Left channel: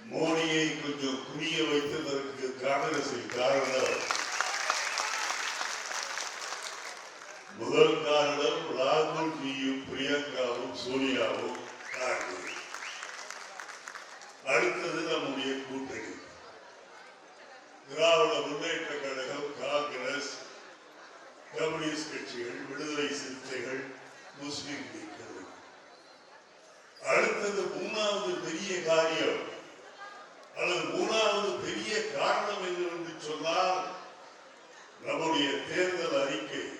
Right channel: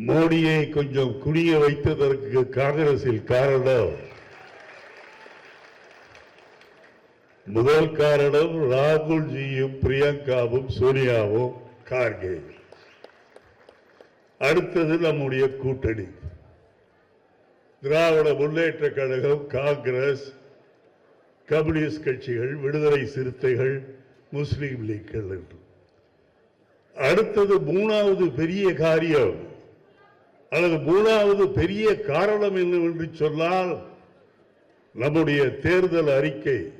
மோடியை கொஞ்சம் குனிய வைத்ததற்கு காங்கிரசில் காரணம். முதல் காரணம் ராகுல்ஜியும் பிரியங்காவும் சோனியாவும் காங்கிரஸ். அடுத்தது நம்முடைய கூட்டணி. திராவிட முன்னேற்ற கழகம் காங்கிரஸ் கம்யூனிஸ்ட் கட்சிகள் விடுதலை சிறுத்தைகள் முஸ்லீம் லீக் அடுத்தது மூணாவது பெரிய காரியம். அல்லது மூணாவது பெரிய காரணம் என்னவென்று சொன்னால் நம்முடைய தேர்தல் அறிக்கை.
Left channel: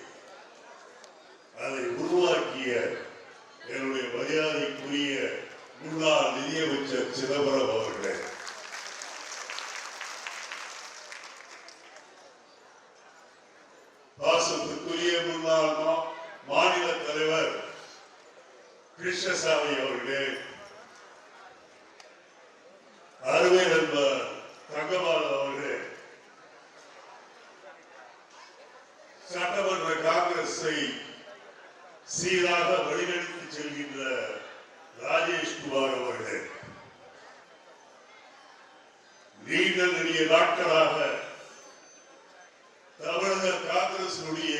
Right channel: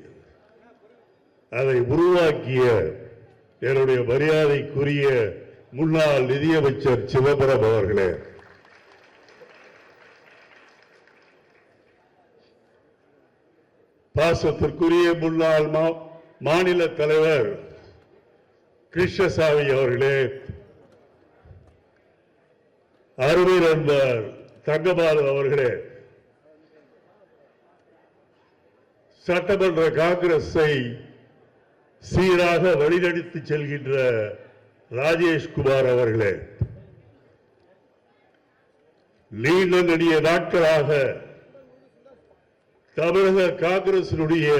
அதை உருவாக்கிய என்னுடைய மரியாதைக்குரிய முன்னாள் நிதியமைச்சர் சிதம்பரம் அவர்களே. பாசத்திற்குரிய முன்னாள் மா- மாநில தலைவர் கிருஷ்ணசாமி அவர்களே அருள் இருந்த தங்கபாலன் அவர்களே சட்டமன்ற காங்கிரஸை சீராக வழிநடத்தி செல்கின்ற ராஜேஷ்குமார் அவர்களே நீண்ட நெடிய நாட்களாக தமிழக காங்கிரசினுடைய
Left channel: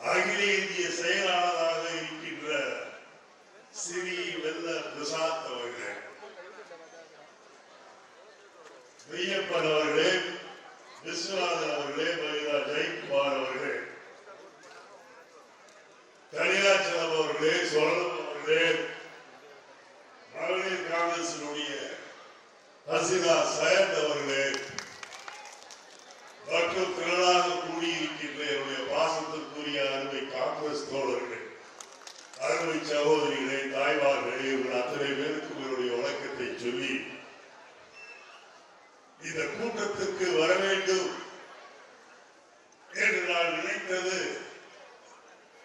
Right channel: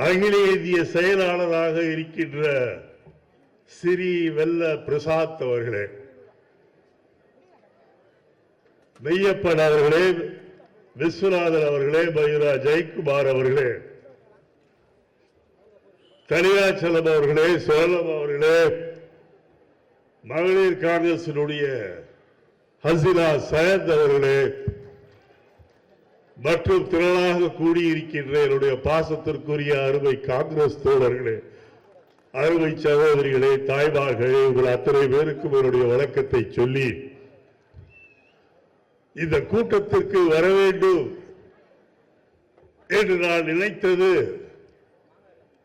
அகில இந்திய செயலாளராக இருக்கின்ற சிறி வெல்ல பிரசாத் அவர்களே மெய்யப்பன் அவர்களே விஸ்வநாதன் அவர்களே மயூரா ஜெயக்குமார் அவர்களே தனியாச்சலம் அவர்களே சோழன் அவர்களே மகளிர் காங்கிரசினுடைய ஹசினா சயத் அவர்களே மற்றும் திரளாக கூடியிருக்கின்ற என்னுடைய பாசத்திற்குரிய அருமை காங்கிரஸ் தோழர்களே அருமை சகோதரிகளே தாய்மார்களே இவர்கள் அத்தனை பேருக்கும் என்னுடைய வணக்கத்தை சொல்லி இந்த கூட்டத்திற்கு வர வேண்டும் என்று நான் நினைத்தது.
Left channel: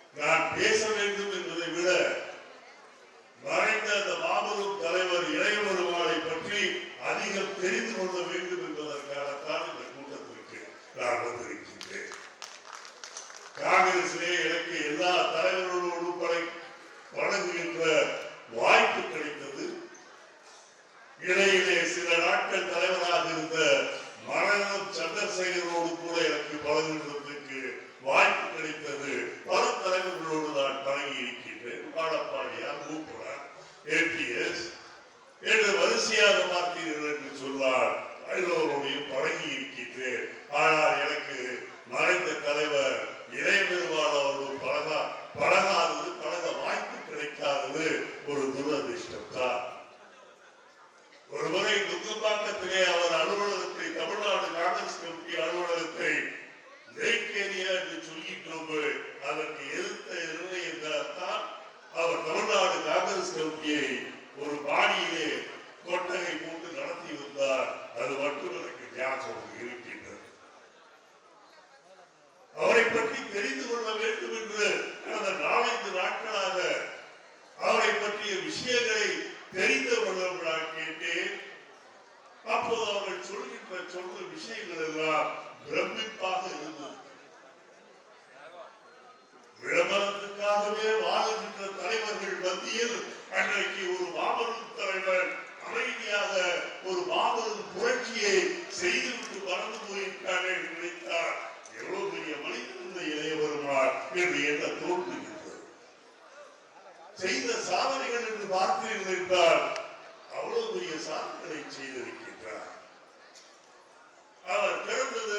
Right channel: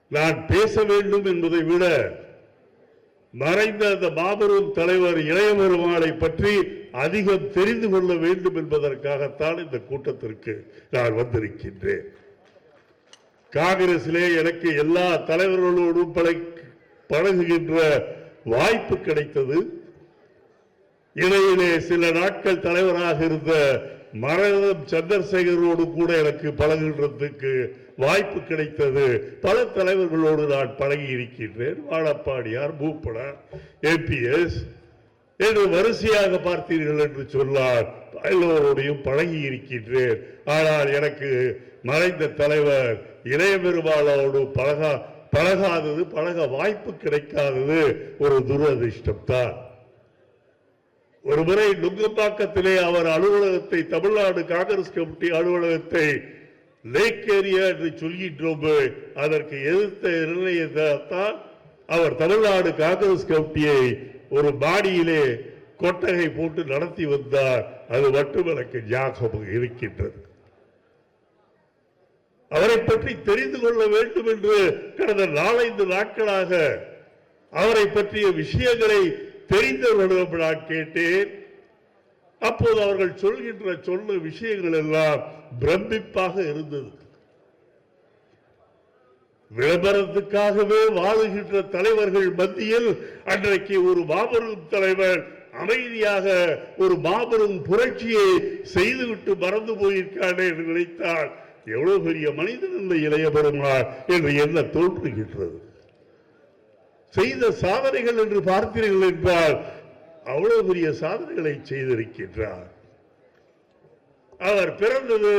நான் பேச வேண்டும் என்பதை விட மறைந்த அந்த மாபெரும் தலைவர் இளையபெருமாளை பற்றி அதிகம் தெரிந்து கொள்ள வேண்டும் என்பதற்காகத்தான் இந்த கூட்டத்திற்கு நான் வந்திருக்கின்றேன். காங்கிரசிலே எனக்கு எல்லா தலைவர்களோடும் பழகுகின்ற வாய்ப்பு கிடைத்தது. இடையிலே சில நாட்கள் தலைவராக இருந்த மரணம் சந்திரசேகரோடு கூட எனக்கு பழகுகின்றதுக்கு வாய்ப்பு கிடைத்தது. பல தலைவர்களோடு நான் பழகி இருக்கின்றேன் வாழப்பாடியார் பூப்பனார் ஏபிஎஸ் என்று வரிசையாக பார்த்தீர்கள் என்று சொன்னார் எல்லோரோடையும் பழகி இருக்கின்றேன் ஆனால் எனக்கு மறைந்த தலைவர் இளைய பெருமாளோடு பழகா பழகாதது பழக வாய்ப்பு கிடைக்காதது ஒரு துரதிர்ஷ்டம் ஒருமுறை ஒரு முறை நுங்கம்பாக்கத்திலே அவர் அலுவலகத்தை தமிழ்நாடு காங்கிரஸ் கமிட்டி அலுவலகத்தை லேக் ஏரியா என்று சொல்கின்றோம் அதற்கு எதிர்த்த நிர்ணயத்தான் அவர் தமிழ்நாடு காங்கிரஸ் கமிட்டியை ஒரு பாடியிலே கொட்டகை போட்டு நடத்தி வந்தார். அது மட்டும் எனக்கு ஞாபகம் இருக்கின்றது. அவரை பற்றி தெரிந்து கொள்ள வேண்டும் என்று கடந்த நாலைந்து நாட்களாக அவரை பற்றிய விஷயங்களை தெரிந்து கொள்ள நான் கேட்டேன். அப்போது அவர்கள் சொல்கின்ற சொன்ன விஷயங்கள் எல்லாம் பிரமிப்பாக இருந்தது. விளம்பரத்துக்காகவே வாழுகின்ற தலைவர்கள் மத்தியில் அன்றைக்கு ஒரு மாபெரும் தலைவர் அமைதியாக ஒரு மாபெரும் புரட்சியை செய்துவிட்டு மறந்து போயிருக்கானே என்று நினைத்தார் எவ்வளவு பெரிய மனிதன் இந்த இளைய பெருமாள் என்று என்ன தோற்றுகின்றது செய்த சாதனைகள் என்று பார்க்கிறீர்கள் என்றால் அவ்வளவு பெரிய சாதனைகளை செய்திருக்கின்றார். அவர் பிறந்தது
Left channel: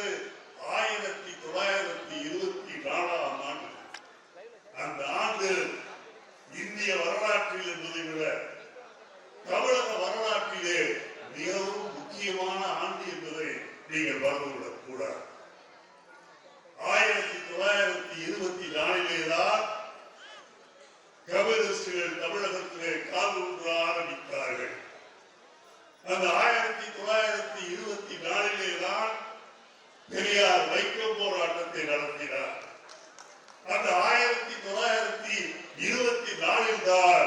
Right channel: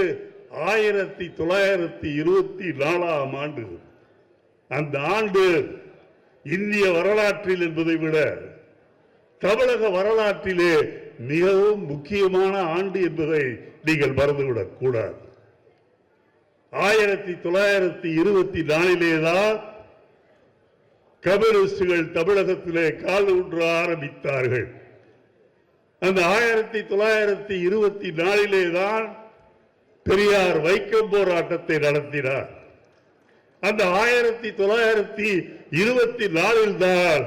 ஆயிரத்தி தொள்ளாயிரத்தி இருபத்தி நாலாம் ஆண்டு. அந்த ஆண்டு இந்திய வரலாற்றில் என்பதை விட தமிழக வரலாற்றிலே மிகவும் முக்கியமான ஆண்டு என்பதை நீங்கள் மறந்துவிடக் கூடாது ஆயிரத்தி தொள்ளாயிரத்தி இருபத்தி நாலிலே தான் கம்யூனிஸ்டுகள் தமிழகத்திலே கால் ஊன்ற ஆரம்பித்தார்கள். அந்த ஆயிரத்தி தொள்ளாயிரத்தி இருபத்தி நாலிலே தான் பெரியார் வைக்கம் போராட்டத்தை நடத்தினார். அந்த ஆயிரத்தி தொள்ளாயிரத்தி இருபத்தி நாலில் தான்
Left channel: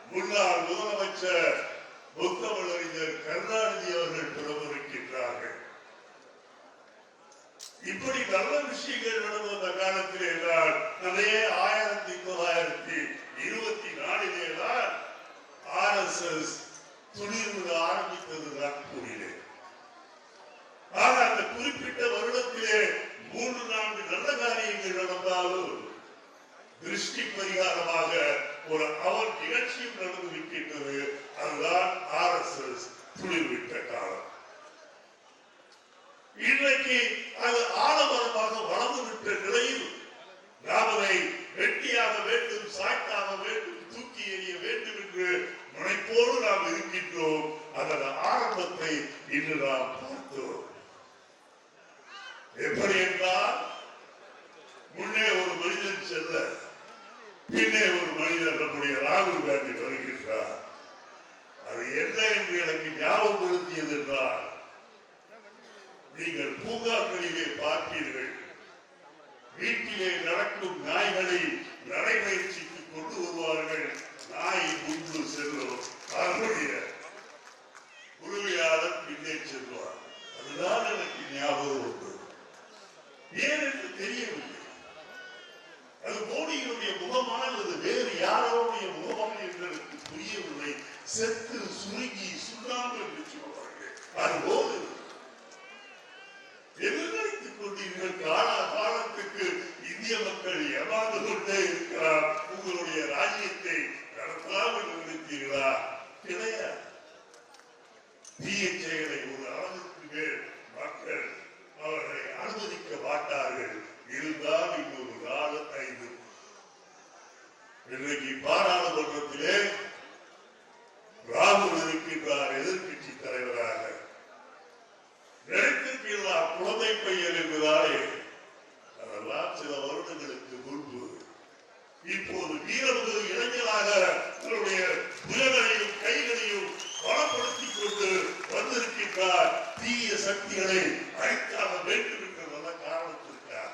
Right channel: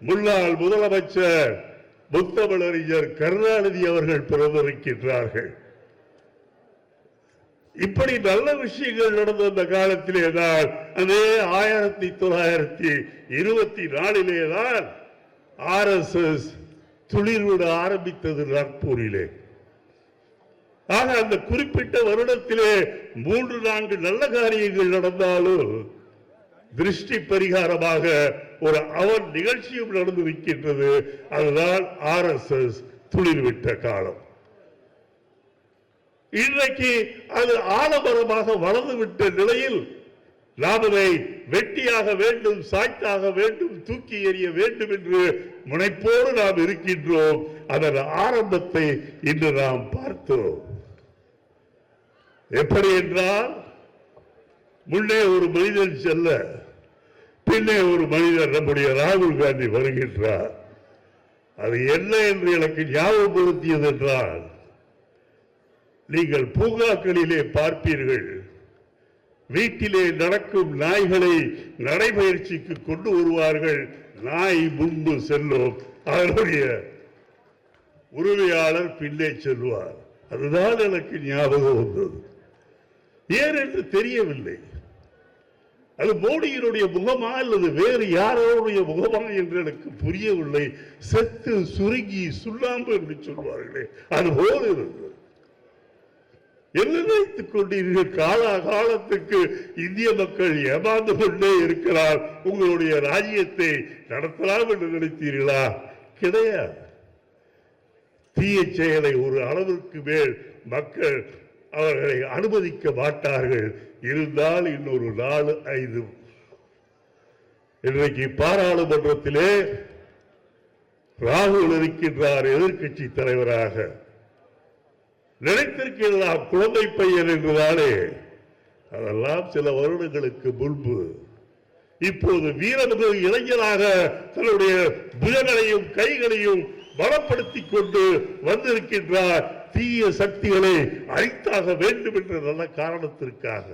முன்னாள் முதலமைச்சர் முத்தமிழறிஞர் கருணாநிதி அவர்கள் பிறந்திருக்கின்றார்கள் இப்படி நல்ல விஷயங்கள் நடந்த அந்த காலத்திலே தான் அதே ஆயிரத்தி தொள்ளாயிரத்தி இருபத்தி நாலிலே தான் ஆர் எஸ் எஸ் துளிர்விட ஆரம்பித்தது நாக்பூரிலே. ஆக அந்த குறிப்பிட்ட வருடத்திலே மூன்று நான்கு நல்ல காரியங்கள் நடந்தாலும் திருஷ்டி பரிகாரமாக ஒரு அவன் நிகழ்ச்சியும் நடந்து வைக்கின்றது அதுதான் ஆர் எஸ் எஸ் துளிர்விட்ட காலம். இன்றைக்கு அது ஆலமரமாக வளர்ந்துவிட்ட நிலையில் நாம் அதை வெட்டியாக வேண்டும் சாய்த்தாக வேண்டும் தூக்கி எறிய வேண்டும் என்று முனைப்போடு நாம் இருக்கின்றோம். அதன் ஆரம்பத்தை இன்று நாம் பார்த்தோம். எப்படி என்றால் முன்னே ஒரு மனிதன் செல்ல பின்னே ஒரு மனிதன் நம்முடைய ராகுல் காந்தி வருகின்றார். அது என்ன என்று எனக்கு ஞாபகப்படுத்தியது என்றால் நீங்கள் பூங்காக்களிலே பார்ப்பீர்கள். வீட்டிலே நடக்கும் நாய்களை நடைபயிற்சிக்கு கொண்டு வருவார்கள். நாய் முன்பு செல்லும். அதனுடைய உரிமையாளர் பின்னே செல்வார். அதுதான் எனக்கு ஞாபகம் உண்டு. ஏன் என்று தெரியவில்லை. அது மோடியினுடைய முகமா அல்லது வேறு யாரோடைய முகமா என்று எனக்கு புரியவில்லை. செத்து சுருங்கி சுண்ணாம்பு என்று சொல்வார்களே. அது போல இருந்தது கொண்டீர்கள் காலாகாலத்துக்கு இந்திய மக்கள் ஏமாந்து கொண்டே இருக்கிறார். உங்களுடைய ராஜ்யத்தை நடத்தலாம் என்று நினைத்தீர்களா? கிடையாது. தீய செயலை ஒரு அளவுக்கு மேல் மக்கள் அவர்களை அனுமதிக்க மாட்டார்கள். இருந்தால் இன்னொரு நாலு ஐந்து. இன்றைக்கு பாராளுமன்றத்திலே ராகுல் இருக்கின்றார் எதிர்க்கட்சி தலைவராக. நினைத்திருக்கிறதா குழந்தை பையன் என்றுதானே அதெல்லாம் சில வருடங்களுக்கு முன்பு. இப்போது வீரர்கள் இளைஞராக தன்னுடைய புயல்களையும் கைகளையும் பலப்படுத்திக் கொண்டு வந்திருக்கின்றார். தீய சக்திகளை அழித்தாக வேண்டும் என்ற நல்ல காரணத்திற்காக.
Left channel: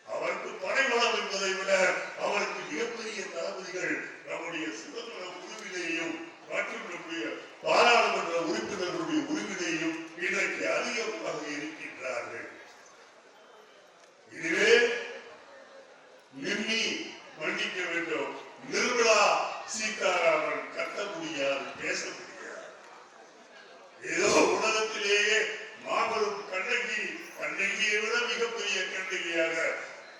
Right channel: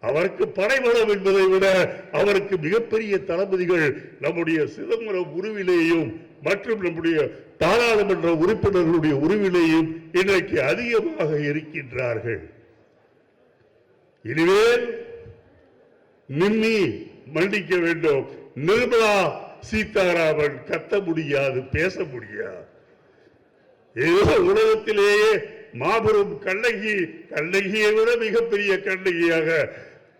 அவருக்கு படைபலம் என்பதை விட அவருக்கு மிகப்பெரிய தளபதிகள் நம்முடைய சிதம்பரம் குருவிலேயும் மற்றும் நம்முடைய பாராளுமன்ற உறுப்பினர்களுடைய உருவிலேயும் இன்றைக்கு அதிகமாக இருக்கின்றார்கள். இனிமேல் நிம்மி மன்னிக்க வேண்டும். நிர்மலா சீதாராமன் கத்த முடியாது பேச முடியாது. ஏதோ உலகத்திலேயே மாபெரும் கண்ணகி கண்ணகியை விட மிகப்பெரிய கண்ணகியாக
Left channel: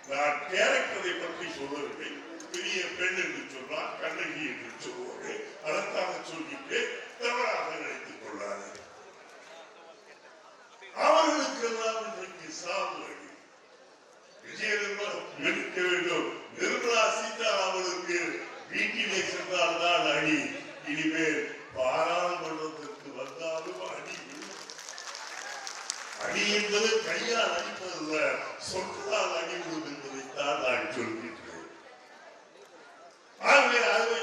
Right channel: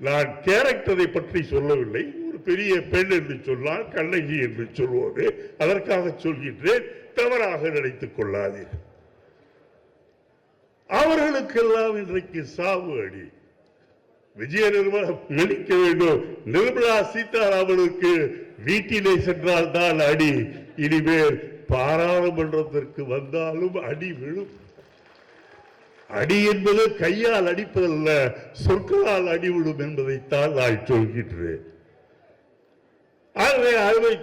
நான் கேரக்டரை பற்றி சொல்லவில்லை. பெரிய பெண் என்று சொன்னால் கண்ணகி என்று சொல்வோடு அதற்காக சொல்கின்றேன் தவறாக நினைத்துக் கொள்ளாதீர்கள். அவர்களுக்கெல்லாம் இன்றைக்கு சாவு அடி. விஜய நிர்வாகம் இருக்க வேண்டும். நிர்மலா சீதாராமனுக்கு வீட்டிலே சென்றால் தான் அடி. இனிமேல் பாராளுமன்றத்திற்கு வந்தாலும் அடி விழும். அடி என்பது கையால் அடிப்பதல்ல சொற்களால் அடிவிடும் என்பதைத்தான் நான் சொல்கின்றேன்.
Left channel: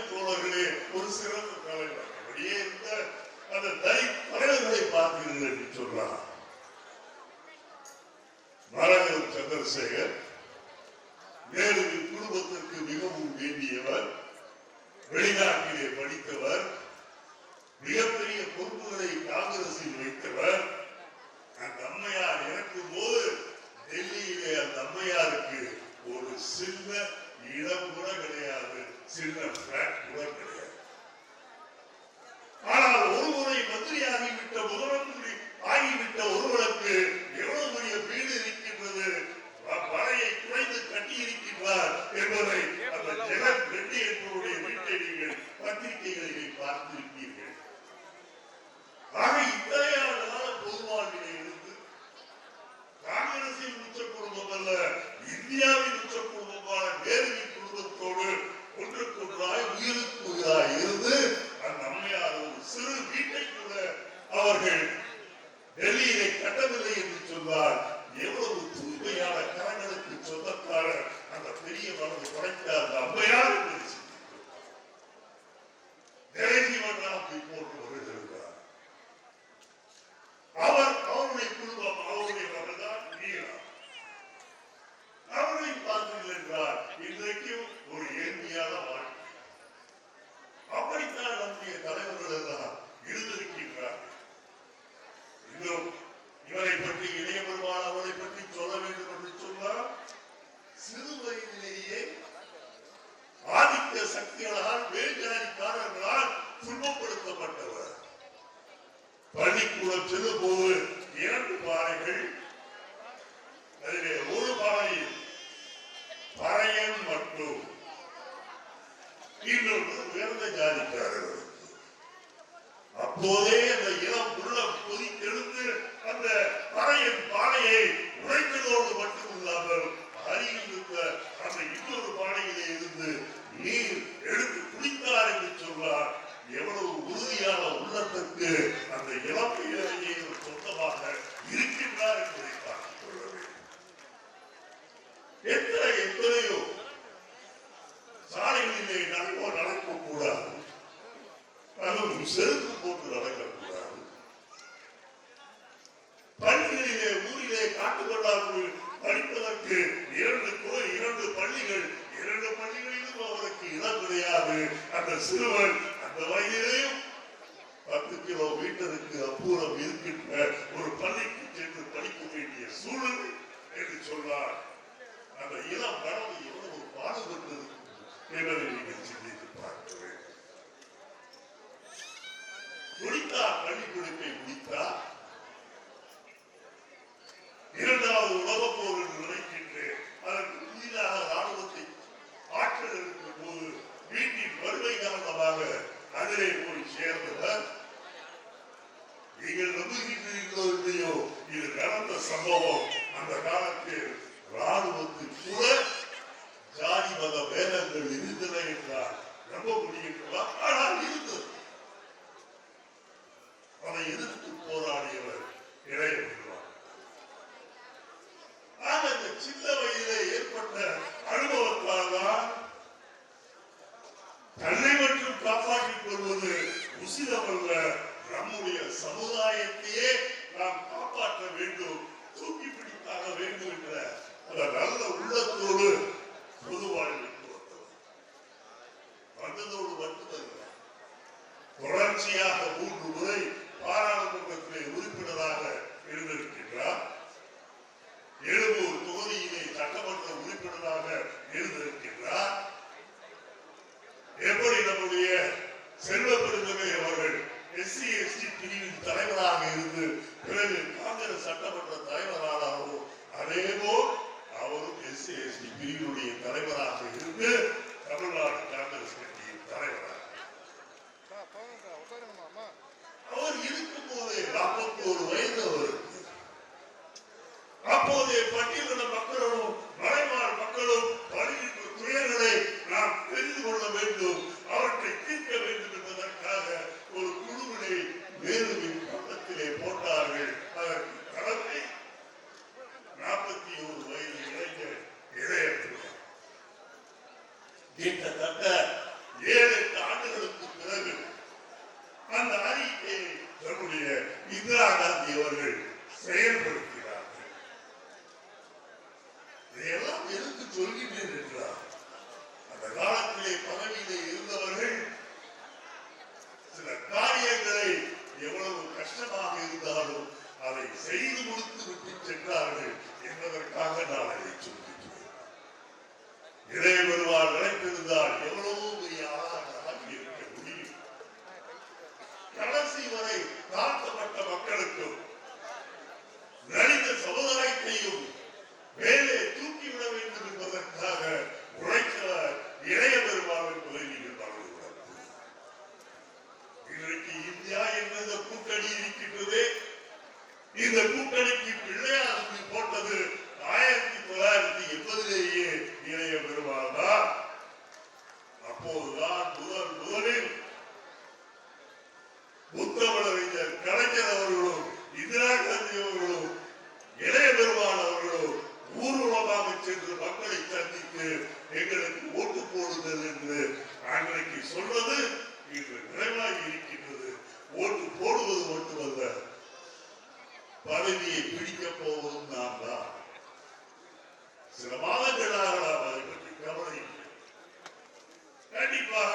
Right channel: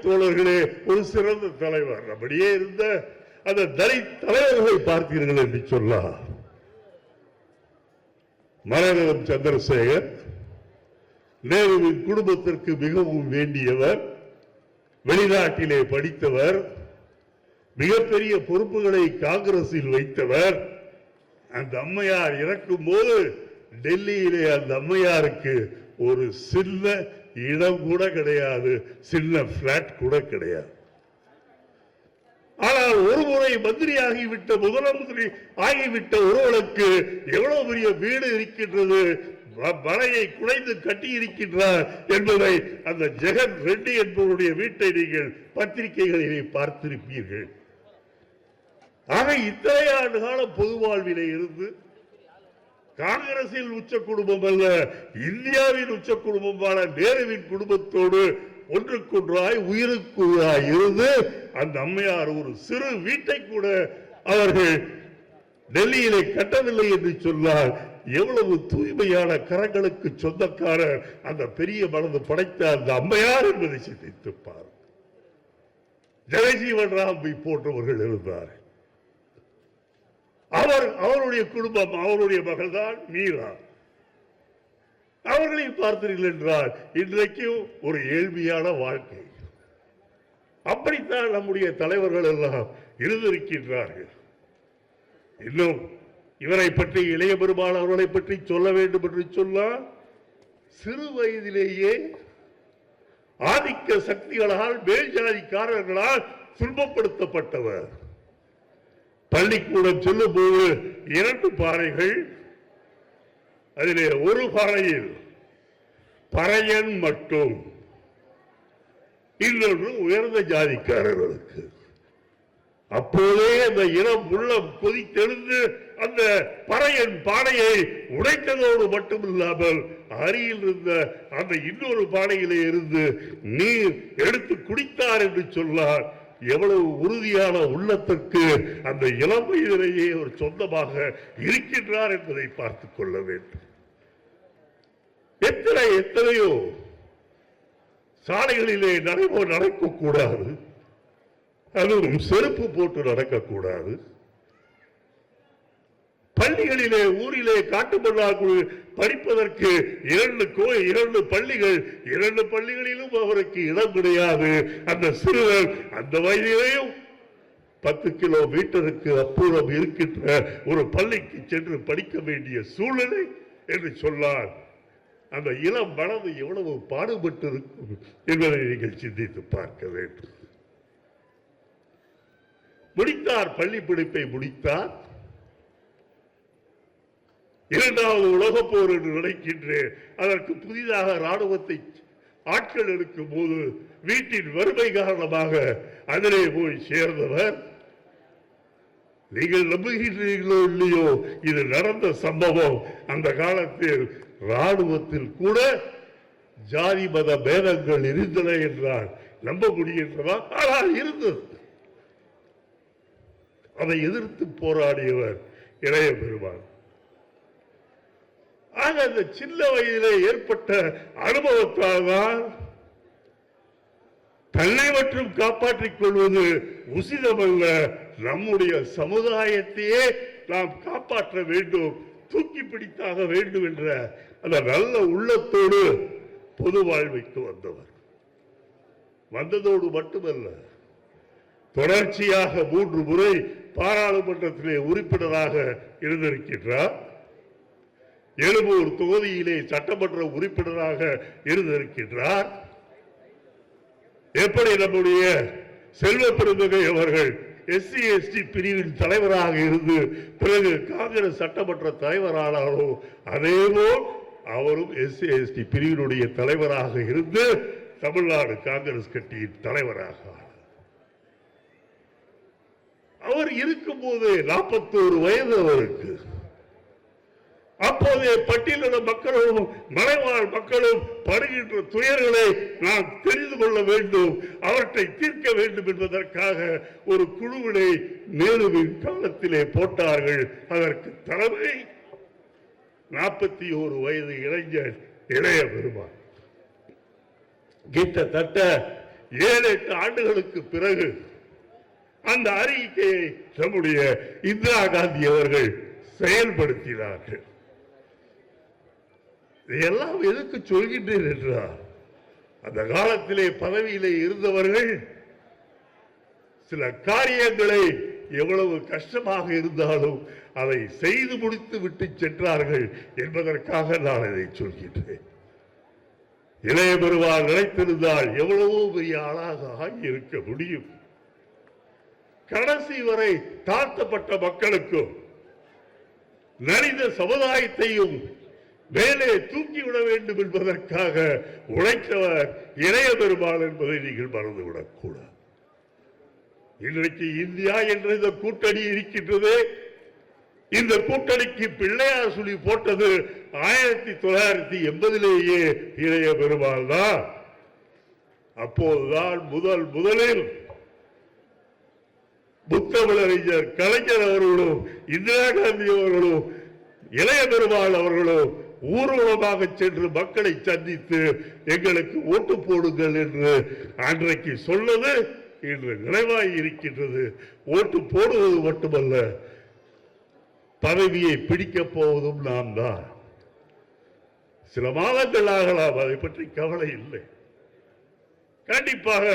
தோழர்களே ஒரு சிறந்த தலைவர். அப்படியே இருந்த அந்த தனி தலைவர்களை பார்த்தீர்கள் என்று சொல்லலாம். மரணம் சந்திரசேகர் நேருவின் குடும்பத்திற்கு மிகவும் வேண்டியவர் வெளிநாட்டிலே படித்தவர் மிகப்பெரிய பொறுப்புகளை காங்கிரஸில் வைத்தவர். அந்த அம்மையார் இறக்கும் போது டெல்லியிலே அந்த அம்மையாருக்கு ஒரு சின்ன இடம் கூட கிடையாது சின்ன பிளாட் கூட கிடையாது. ஆனால் ஒரு முறை மந்திரி ஆகிவிட்ட முதலமந்திரி ஆகிவிட்ட ஒருவனுக்கு எவ்வளவு பெரிய வீடு இருக்கின்றது மலையை குறைந்து கட்டி இருக்கின்றார் என்பதை அந்த ஜெகன் ரெட்டி என்பவருடைய வீட்டை நீங்கள் பத்திரிகைகளிலே பார்த்திருப்பீர்கள். ஆக இத்தனை ஆண்டு காலம் பொது வாழ்விலே இருந்து காங்கிரசில் உச்ச குடும்பம் அல்ல இந்தியாவின் உச்ச குடும்பமான நேருவின் குடும்பத்தோடு ஒன்றுக்குன்றாய் உயிருக்குள்ளாய் இருந்து அந்த அம்மையார் ஒரு சிறு வீட்டை கூட அவர்கள் டெல்லியிலே கட்டவில்லை என்று சொன்னால் எவ்வளவு தூய்மையான கரங்களுக்கு சொந்தக்காரர் அந்த பெரிய மனது படைத்த அந்த அம்மையார் என்பதை சிந்தித்துப்பார் ஜெயஜீவன் ராம்பி போன்றவர்கள் இருந்தார் அவர் அவருடைய குடும்பம் அவருடைய மகள்தான் மீரா அவர்களை பார்த்தீர்கள் என்றால் இன்றைக்கு ஒரு ஏழ்மையான வாழ்க்கை. அப்படித்தான் நம்முடைய தலைவர்கள் எல்லாம் இருந்திருக்கின்றார்கள். இன்னும் இவரை பற்றி இளைய பெருமாள் அவர்களை பற்றி சொல்ல வேண்டும் என்று சொன்னால் சிறு வயதிலேயே ஆதிக்க சக்திகளால் மேல்ஜாதிக்காரர்களால் துன்பப்படுத்தப்பட்டவர். பள்ளிக்கூடம் செல்லும் போது இரண்டு பாறைகள் அதிலே ஒரு பாறையில் பறையன் மட்டும். இன்னொன்று உயர்ந்த ஜாதிக்காரர்களுக்கு. அப்போதே அந்த இளம் உள்ளம் கொதித்தெழுந்து அந்த பறையன் பானையை உடைத்ததோடு மட்டுமில்லாமல் அருகில் இருந்த அந்த இன்னொரு பானையிலே இருந்து நீர் எடுத்து குடித்தார் என்று சொன்னார் எவ்வளவு உறுதியான உள்ளத்துக்கு அந்த இளம் வயதிலேயே ஒரு சொந்தமாக இருக்கின்றார் என்பதை பார்த்துக் கொள்ள வேண்டும். எத்தனை எத்தனையோ சாலைகளிலே நடவு நடக்கக்கூடாது. அது ஒரு செருப்பு போட்டு நடக்கக்கூடாது. பள்ளிகளிலே ஊரிலே காட்டு படிப்பதற்கு இரண்டு கோயில் இரண்டு பள்ளிகள் இரண்டு பள்ளிகளிலும் அவருக்கு இடம் கிடையாது. அந்த சிறுவர் அந்த வயதிலேயும் பத்து கிலோ மீட்டருக்கு அப்புறம் இருக்கின்ற ஒரு பள்ளிக்கு சென்று படிக்க வேண்டிய சூழ்நிலை என்று சொன்னார் அந்த இளம் வளர்ந்து எவ்வளவு பாடுபட்டு இருக்கும் என்பதை நீங்கள் சிந்தித்து பார்க்க வேண்டும். முடித்தார் பள்ளி பிடிப்பை முடித்தார். இரண்டாவது உலக போர் என்று நினைக்கின்றேன். அதற்கு புதிதாக ராணுவத்தை ஆட்கள் இருக்கும் போது வீட்டின் வறுமை காரணமாக அதிலே போய் சேர்ந்தவர். நீங்கள் நம்புகின்றீர்களோ இல்லையோ இது நடந்த சம்பவம். அந்த காலத்தில் ராணுவத்தில் கூட ஜாதி மத பேதங்கள் இருந்தன என்றால் நம்ப முடிகின்றதா ஆனால் இருந்தது. அதை எதிர்த்து போராடியவர் இளைய பெருமாள் ஆக அந்த சின்ன வயதிலே ஏற்பட்ட அனுபவத்தால் தான் தன்னை மட்டும் காப்பாற்றிக் கொள்வது உசிதமல்ல. நம்முடைய சமுதாயத்தையே நாம் காப்பாற்ற வேண்டும் தூக்கி பிடித்தாக வேண்டும் என்ற அந்த நல்ல உள்ளத்தோடு பொது வாழ்வைக்கு வந்தோம். வந்ததோடு மட்டுமல்ல தொடர்ச்சியாக மூன்று முறை பாராளுமன்றத்திலே உறுப்பினராக இருந்திருக்கின்றார். எழும்பூர் தொகுதியிலே சட்டமன்ற உறுப்பினராக இருந்திருக்கின்றார். எப்படி நம்முடைய செல்வ பெருந்தகை அவர்கள் எஸ்சி எஸ்சி பிரிவின் தலைவராக இருந்து பிறகு காங்கிரஸ் சட்டமன்ற தலைவரானாரோ அதேபோல் அவரும் எஸ்சி எஸ்சி பிரிவினுடைய தலைவராக இருந்து தமிழ்நாடு காங்கிரஸ் கட்சியின் தலைவராக அவர் இருக்கும்போது நாற்பத்தோரு வயது அவருக்கு. அப்போதைய பட்டியலின மக்களும் மலைவாழ் மக்களும் படுகின்ற துயர்களை நாம் தெரிந்து கொள்ள வேண்டும். அவற்றை தீர்க்க வேண்டும் என்பதற்காக ஒரு குழுவினை நேருவின் காலத்திலே போட்டார்கள். அதற்கு தலைமை நாற்பத்தி ஓரு வயது இளைஞர் இளைய பெருமாள். கிட்டத்தட்ட ஏழு எட்டு ஆண்டுகளுக்கு பிறகு அந்த அறிக்கையை நம்முடைய இந்திரா காந்தி அவர்கள் செயல்படுத்தினார்கள். இதையெல்லாம் எதுக்கு சொல்கின்றேன் என்றார் அந்த காலத்திலே பதவியிலே இருந்தவர்கள் சில காரியங்களை எவ்வளவு கஷ்டமாக இருந்தாலும் அதை செய்து முடித்து விட்டு சென்றார்கள் என்பதற்காக நான் இதை சொல்கின்றேன். இளைய பெருமாள் நினைத்திருந்தால் எவ்வளவு பெரிய ஆளாக இருக்க முடியும். கடைசி வரை தாழ்த்தப்பட்ட மக்களுக்கும் நலிந்த சமுதாயத்தையும் மேலே தூக்கிவிட வேண்டும் என்பதற்காக உழைத்தவர் இளைய பெருமாள் என்பதை நீங்கள் மறந்துவிடக் கூடாது. இன்றைக்கு இந்தியா என்ற இந்த கூட்டணி இருக்கின்றதே இந்த கூட்டணிக்கு பிள்ளையார் சொல்லி போட்டது ஆயிரத்தி தொள்ளாயிரத்தி எண்பதிலேயே இளைய பெருமாள் தான். அப்போதுதான் முதல் முதலில் புத்தமிழறிஞர் கலைஞர் அவர்களும் இந்திரா காந்தி அவர்களும் இளைய பெருமாள் அவர்களும் ஊர்வலமாக சென்று மக்களை சந்தித்து எங்களுக்கு ஓட்டு போடுங்கள் என்று அன்றைக்கு சொன்னது இன்று நினைவாய் இருக்கின்றது. ஓட்டு போடுவது மட்டுமல்ல பதவியை பிடிக்கப் போவதும் நான் தான் சில மாதங்கள் ஆகலாம் அதை பற்றி கவலை இல்லை. கண்டிப்பாக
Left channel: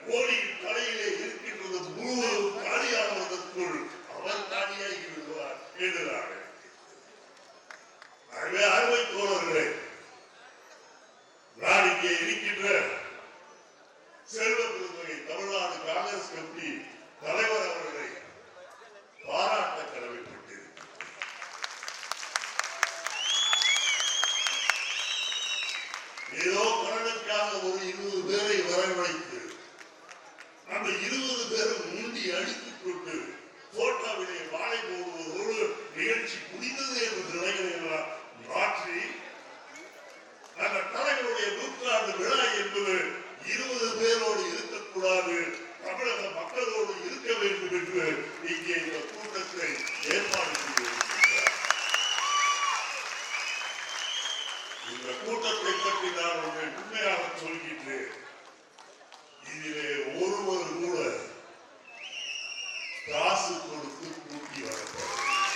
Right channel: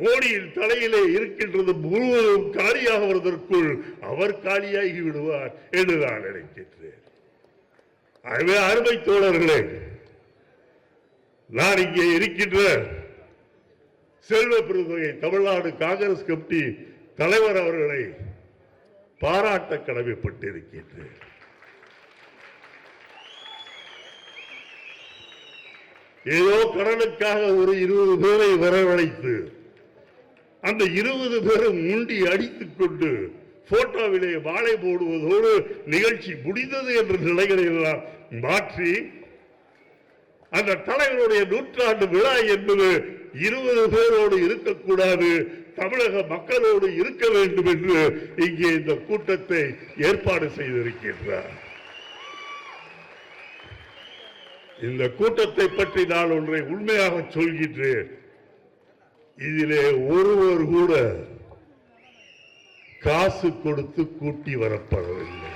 மோடியின் தலையிலே இருக்கின்றது முழுவதும் காலியாகுவதற்குள் அவர் காலியாகி விடுவார் என்று நான் நினைக்கின்றேன் ஆகவே அருமை தோழர்களே நான் இங்கே இருக்கின்ற செல்வ பெருந்தகை தமிழ்நாடு காங்கிரஸ் கமிட்டி தலைவர் அவர்களை பாராட்ட கடமைப்பட்டிருக்கின்றேன். ஏதோ கடனுக்காக ஒரு இருபது பேரை வரவழைத்து அந்த இருபது பேரும் முண்டி அடித்துக் கொண்டு போட்டோவிலே வாழை போடுவதோடு நிகழ்ச்சி முடிந்தது என்ற நிலைகளை எல்லாம் மாற்றி அந்த தலைவருடைய நூற்றாண்டு விழா என்பது இருபது பேரோடு இருக்கக்கூடாது தமிழக மக்களோடு இருக்க வேண்டும் என்று இங்கே இந்த கூட்டத்தை ஏற்பாடு செய்திருக்கின்றார். இந்த கூட்டத்தை பற்றி நான் ஒன்றை உண்மையாக சொல்கின்றேன். இதிலே ஒருவர் கூட காசு கொடுத்து கூட்டி வரப்படவில்லை.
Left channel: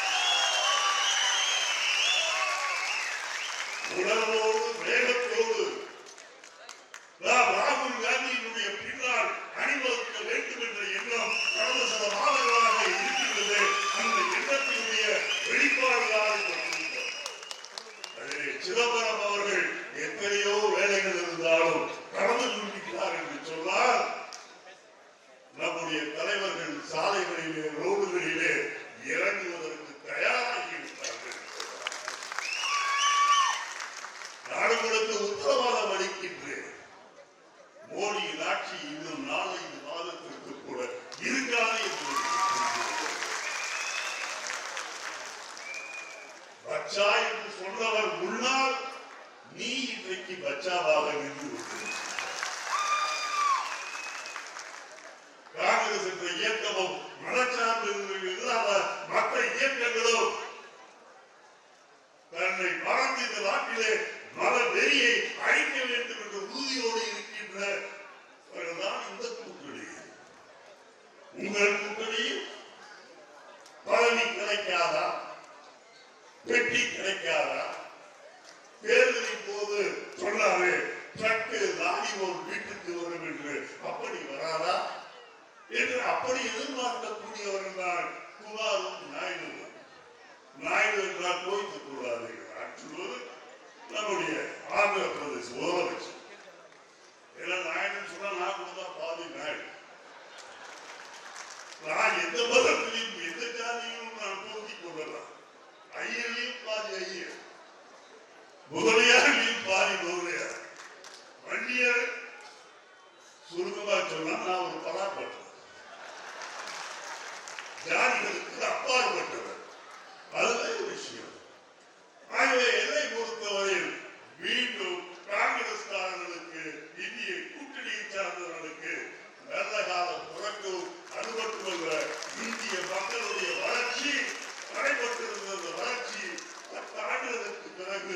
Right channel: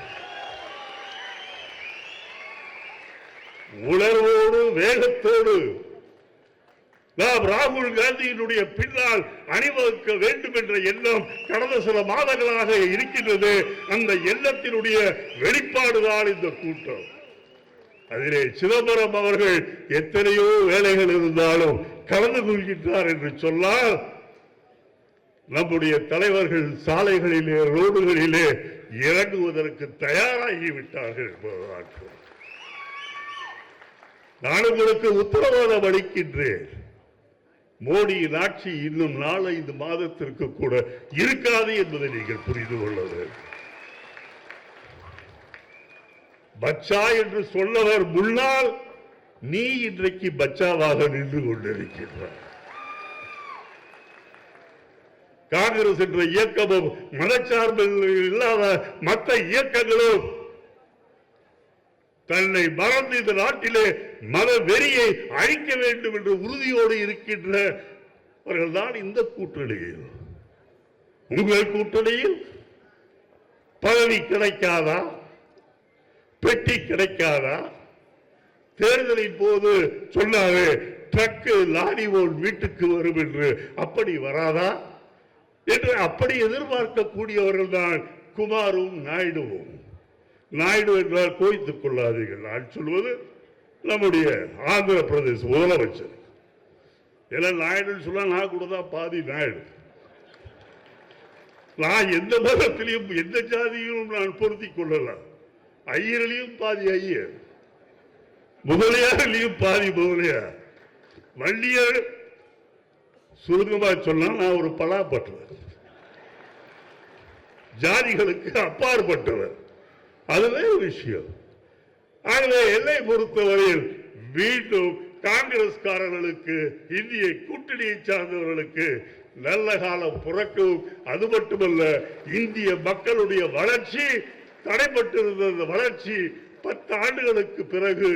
உணர்வோடு வேகத்தோடு. நாம் ராகுல் காந்தியினுடைய பின்னால் அணிவகுக்க வேண்டும் என்ற எண்ணம் கடந்த சில மாதங்களாக இருக்கின்றது. அந்த எண்ணத்தினுடைய வெளிப்பாடுதான் இந்த கூட்டம். அதிலே சிதம்பரம் அவர்கள் எத்தனையோ வேலைகள் இருந்தாலும் கடந்து கொள்கின்றார் என்று சொன்னால் நம்முடைய தலைவர்கள் சாலைகளிலே ரோடுகளிலே இறங்குவதற்கு தயாராகிவிட்டார்கள். என்பதுதான் நான் உங்களுக்கு உத்தரவாதம் அளிக்கின்றேன். மோடியின் ஆட்சி இன்னும் நாலஞ்சு மாதத்திற்கு கூட இருக்காது என்பதை நீங்கள் புரிந்து கொள்ள வேண்டும். பச்சா என்று சொன்னவர் முன்னால் நீ இன்றைக்கு பச்சாவாக நின்று கொண்டிருக்கின்றார் காங்கிரஸ் என்ற இயக்கமும் மனச்சார்பு இல்லாத மற்ற இயக்கங்களும் தன்னை மறந்து இந்த நாட்டிலே மத வெறியை அழிக்க வேண்டும் என்ற உறுதியோடு இருக்கின்றவர்கள் தான் இந்த கூட்டணியில். உங்கள் கூட்டணியில் பதவி கிடைக்காதா? பெட்டி கிடைக்காதா? தேர்தலின் போது சொன்னாவே ட்ரக்கு லாரி ஓன் வீட்டுக்கு வரும் என்று அப்படி வராதா? என்று அப்படி எதிர்பார்க்கக்கூடியவர்கள் தான் குமாரும் நாயுடுவும். நாயுடு என்றால் கோய்த்துக் கொள்ளாதீர்கள். நான் சொல்வது நம்முடைய ஆந்திர பிரதேச முதலமைச்சர். எல்லாம் நாயுடுன்னு சொன்னா நான் கூட தான் பாதி நாயுடு. நான் எந்த மதத்திலையும் எந்த ஜாதியிலும் நான் பொருத்திக் கொள்ளலாம் ஐயர்லையும் பாதி ஐயர். முதலியாரிலையும் பாதி முதலியார். வண்டியர் சுருங்கமா சொன்னா நான் ஒரு பலாப்பட்டவர். ஜாதிகளுக்கு அப்பாற்பட்டவர். அதுவே ஒரு விஷயம். ஆகவே என்னை பொறுத்தவரையில் மீண்டும் காங்கிரஸ்காரர்களுக்கு இந்திய கூட்டணியை சார்ந்தவர்களுக்கு நல்ல காலம் பிறக்கும் அது மட்டுமல்ல இந்திய மக்களுடைய வளர்ச்சி தடைபட்டிருந்த வளர்ச்சி பத்து ஆண்டுகளுக்கு பிறகு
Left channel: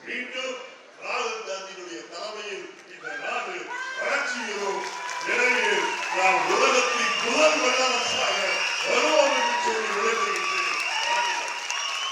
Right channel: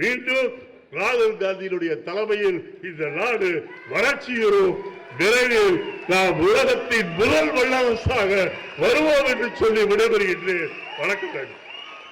மீண்டும் ராகுல் காந்தியினுடைய தலைமையில் இந்த நாடு வளர்ச்சி வரும் விரைவில் நாம் உலகத்தின் முதல் வல்லரசாக வருவோம் என்று சொல்லி விடைபெறுகின்றேன். Olha que beleza.